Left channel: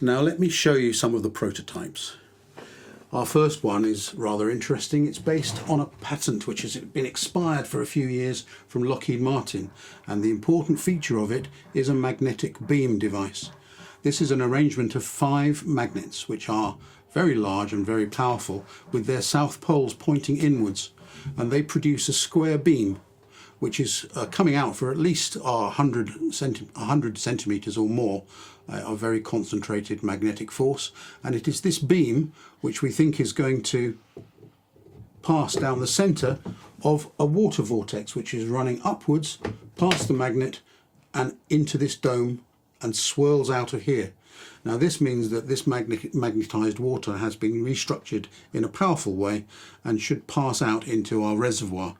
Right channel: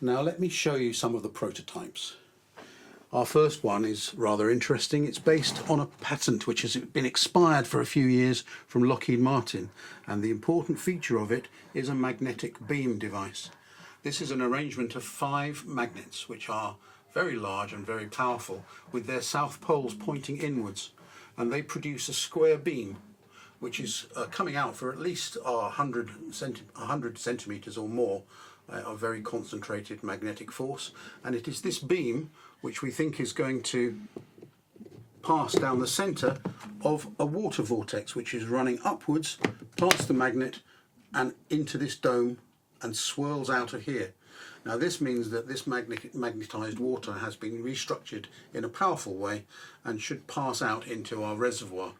Now let me show you some of the prototypes. Our first one is rather interesting. It's based on a patent which has been expired for a few years from Lockheed Martin, and the important feature of it is a magnetic beam device. This is an arrangement of 5 magnets which are very large and very powerful, with their south poles pointing inwards, and they produce a square beam which is coming out for at least 100 centimeters or more of very concentrated magnetic force. And it is this beam which we think is going to pass down the center of a water vortex, which is running upwards past the magnet and into this dome and swirls out of here. Now this means that this magnetized water has been restructured in a powerful way and should pass out into our reservoir.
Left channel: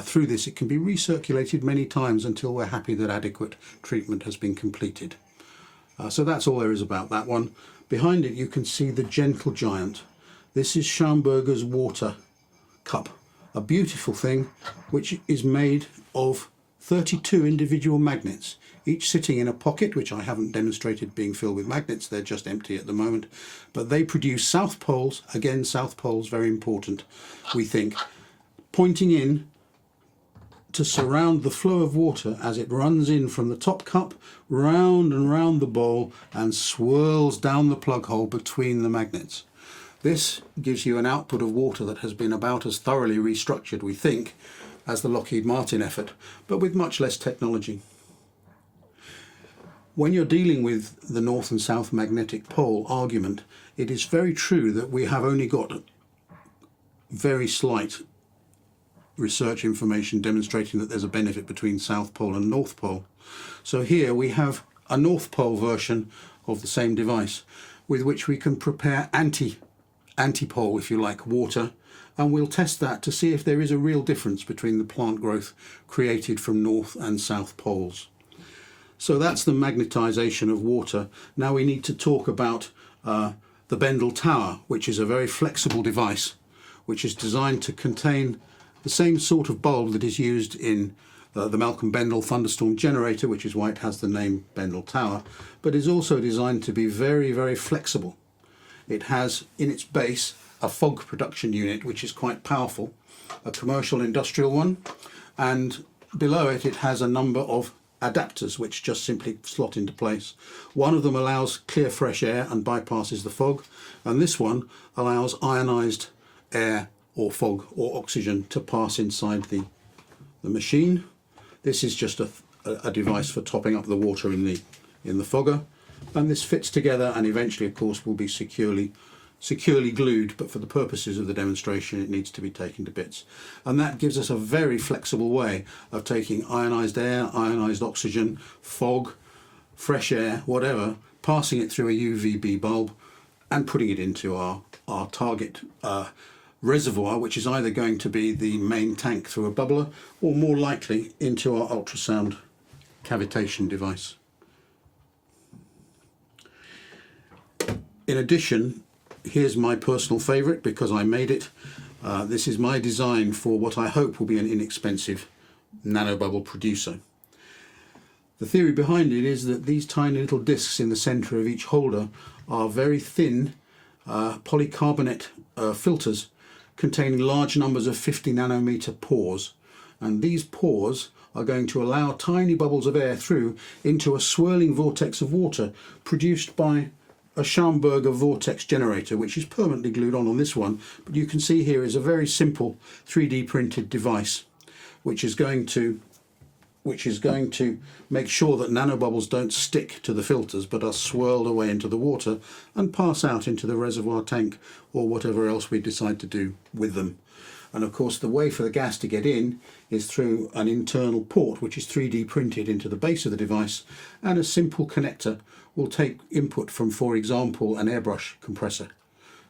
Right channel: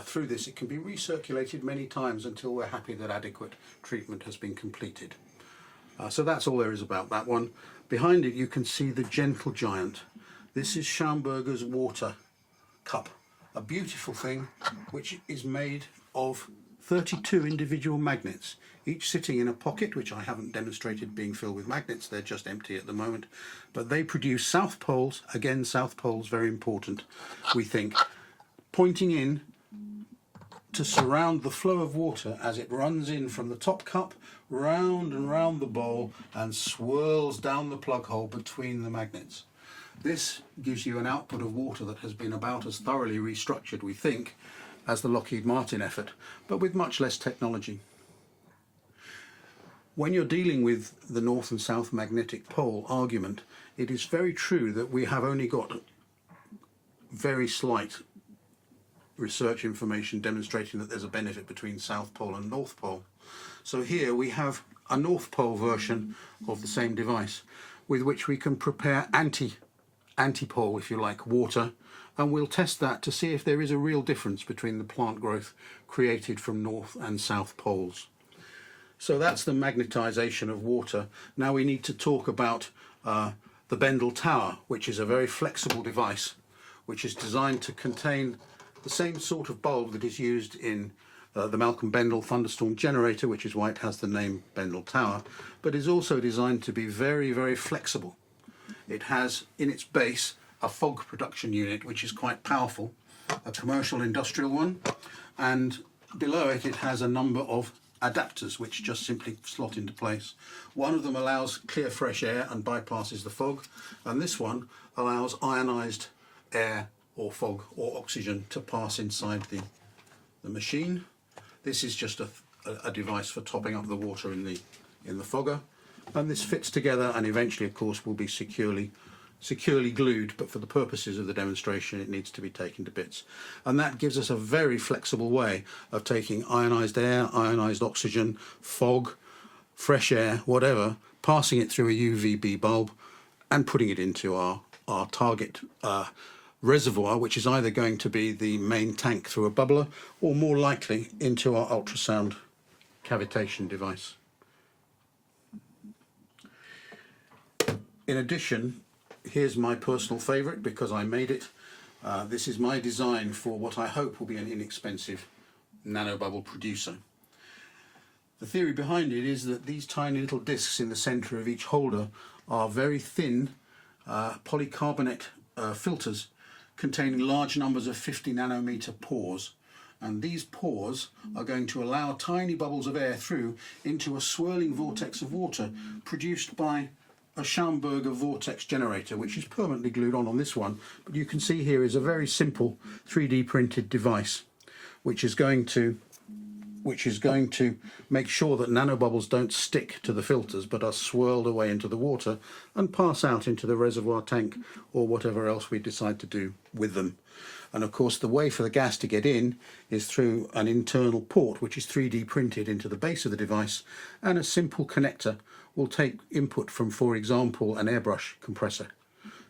Through this it can be recirculated many times until we're happy that adequate treatment has been completed. So that's all there is about that one. Behind it you can see the Gentle Giant. This is Schaumburger's water cup, a beautiful thing which is made of 32 individual magnets, each sitting in a pocket, which I haven't demonstrated being filled with magnets. They're just empty at the moment, but they produce south poles. Again, south poles very important, we think, pointing in to surround the flow of water as it runs in from the top cup round and round the bowl and swirls down the plug hole between the magnets. This gives you an output of water that has been about as thoroughly restructured, we think, as the Lockheed Martin effort, but with much less technology. When you're dealing with the north and south magnetic pole argument, it is very true that we have only got very slight research information demonstrating that there's a benefit between south pole and north pole. So here we have a north pole version of the same device with which we can prepare antipole, if you like, water, and we'll test that to see if there is a real difference between the plant growth created from north and south poles. So that's the magnetization of water. Now we need to talk about the Bendel Tower, which is a very flexible device which is designed to contain the same sort of bulb that is used in the Malcolm Bendel thunderstorm generator, which is why it has the name Bendel Tower, but is also designed to be very, very flexible. It has in its base a fog production unit which is quite powerful, a commercial industrial one, and below it it has a number of adapters which just simply slot into place. One of them allows clear fresh air and bypasses the fog, and this one allows ionized air or fog or oxygen to pass inside the machine. This is just a device for topping up the water in the fogger, and this fits together and eventually of course will be securely glued, but for the purposes of the demonstration it needs to be taken to bits. And that gives us a very flexible way of taking ionized air, ionized oxygen, fog, fresh air, whatever, passing it through a UVB bulb and putting it into our target reservoir, which is either going to be the main tank through a bubbler or more likely into our ultrasound cavitation device. In addition, here's my personal favourite because I made it. This is my design for what I hope will be an inexpensive nanobubble producer. The theory behind it is that these tiny little discs in the centre of each holder are very thin polycarbonate filters containing large numbers of 50 nanometer pores, and these pores are going to allow tiny bubbles of air through into a swirling vortex of water produced by a Schaumburger Vortex generator, which is permanently glued on this one. But you can see here is a very simple 3D printed device which is going to make sure that nanobubbles don't stick to the filters but are swirled away into the water and pass out into the reservoir tank or whatever else we decide to do with them. And of course the way for the gas to get in is through an internal port which is 3D printed into the base of the device, and a simple connector will take input from, for example, an airbrush compressor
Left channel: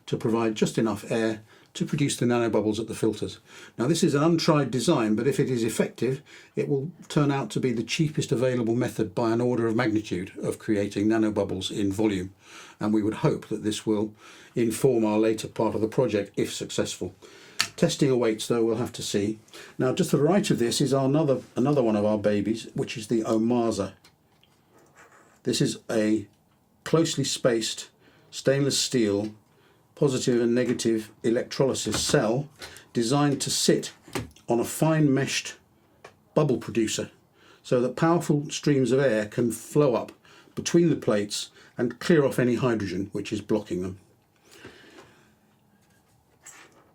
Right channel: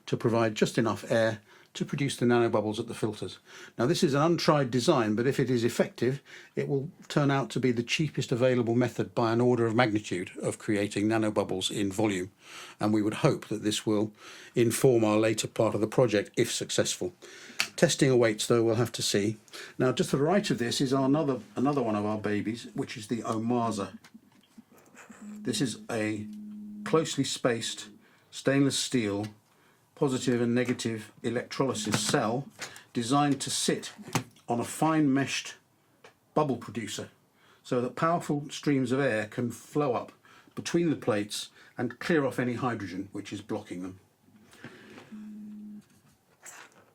to provide just enough air to produce the nanobubbles at the filters. Now this is an untried design, but if it is effective it will turn out to be the cheapest available method by an order of magnitude of creating nanobubbles in volume, and we would hope that this will inform our later part of the project if successful. Testing awaits though, we'll have to see. Now just to the right of this is another one of our babies, which is the Omasa. This is a closely spaced stainless steel positive and negative electrolysis cell designed to sit on a fine meshed bubble producer so that powerful streams of air can flow up between the plates and clear off any hydrogen which is blocking them.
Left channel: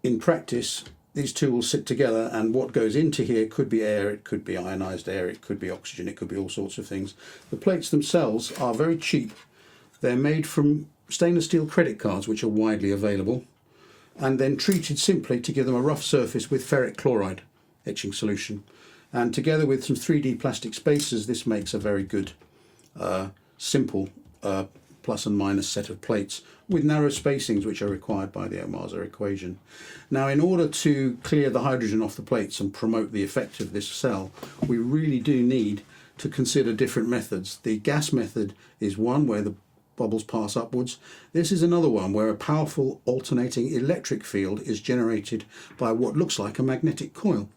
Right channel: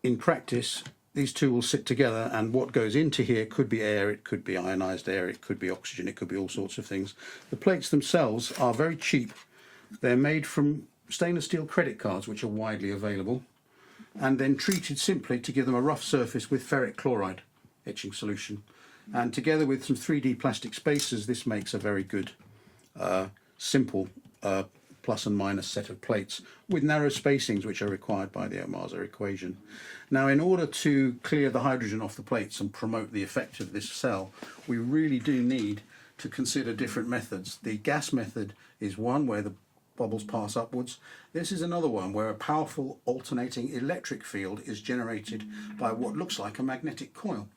In practice, these two will sit together, and what goes into here could be air, it could be ionized air, it could be oxygen, it could be all sorts of things. The plates themselves are very cheap. They're made from stainless steel credit cards, which are widely available, and then treated simply to give them a rough surface with ferric chloride etching solution. And together with some 3D plastic spacers, this makes a very good, simple plus and minus set of plates with narrow spacings which are required by the Ohmasa equation. Now, in order to clear the hydrogen off the plates and promote the effect of this cell, we really do need to consider different methods. The gas method is one where the bubbles pass upwards. This is another one where a powerful alternating electric field is generated by what looks like a magnetic coil.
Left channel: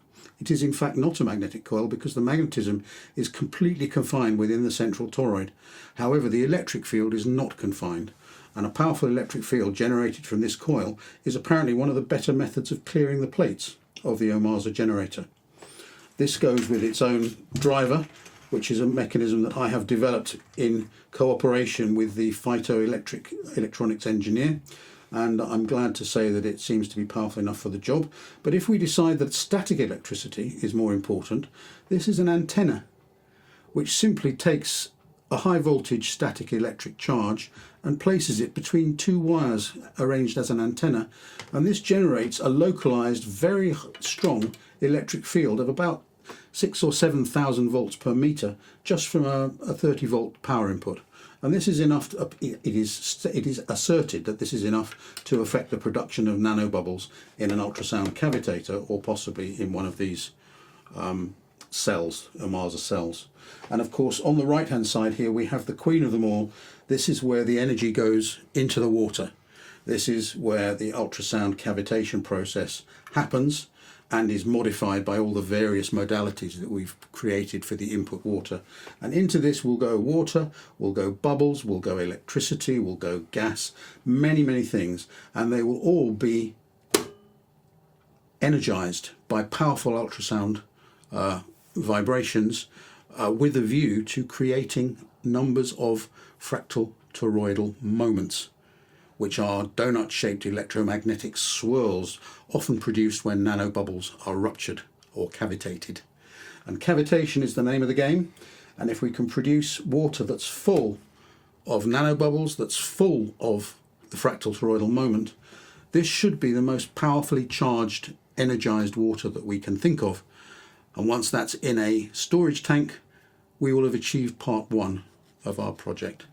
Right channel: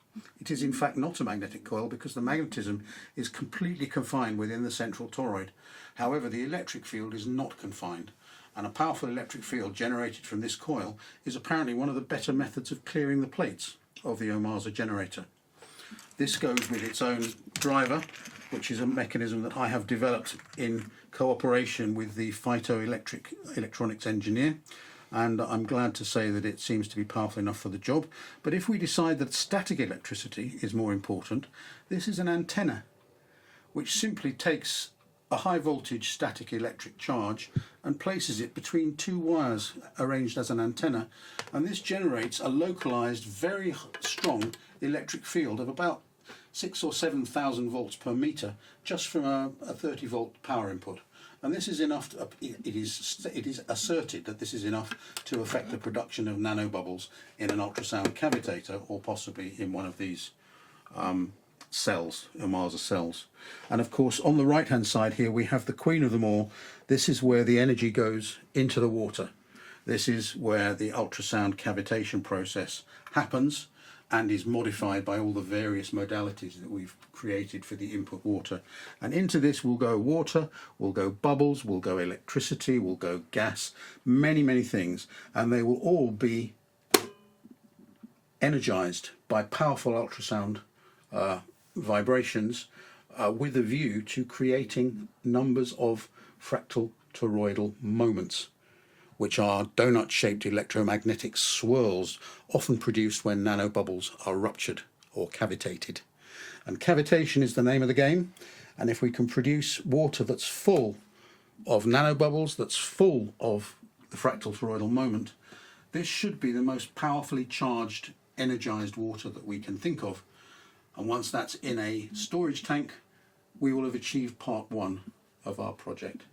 It is in fact not a magnetic coil because the magnetism is completely confined within the central toroid. However, the electric field is not confined, and a powerful electric field generated from this coil is apparently one of the better methods of clearing the plates of the Ohmasa generator. This goes with its own driver, which is a mechanism that I have developed in cooperation with the phytoelectric electronics engineer, and I'm glad to say that it seems to be powerful enough for the job. But if we decide that static electricity is more important, this is an antenna which simply takes a high voltage static electric charge and places it between two wires arranged as an antenna, and this generates a localized, very strong electric field of about 6,000 or 7,000 volts per meter just from a 30 volt power input. And this is enough to, it is asserted that this is enough to affect the production of nanobubbles in an ultrasound cavitator, or possibly in one of these cells, Ohmasa cells. And of course, on the right hand side here we have the queen of them all. This is where the energy goes into the water. This is where the ultrasound cavitation process happens and is modified by all the various modalities that we've created for the input water. And into this will go water, will go bubbles, will go electricity, will go gas, many, many things, and they will all be energized by powerful ultrasound vibrations with a view to creating numbers of fractal toroidal moments, which are donut-shaped electromagnetic swirls often produced when nanobubbles are ruptured or cavitated. And cavitation is the name of the game, and if we can produce water that's full of nanobubbles, that's full of the fractal toroidal moment, this should be the most powerfully charged, energized water that we can think of. And once that's in a storage tank, we will have achieved part one of our project.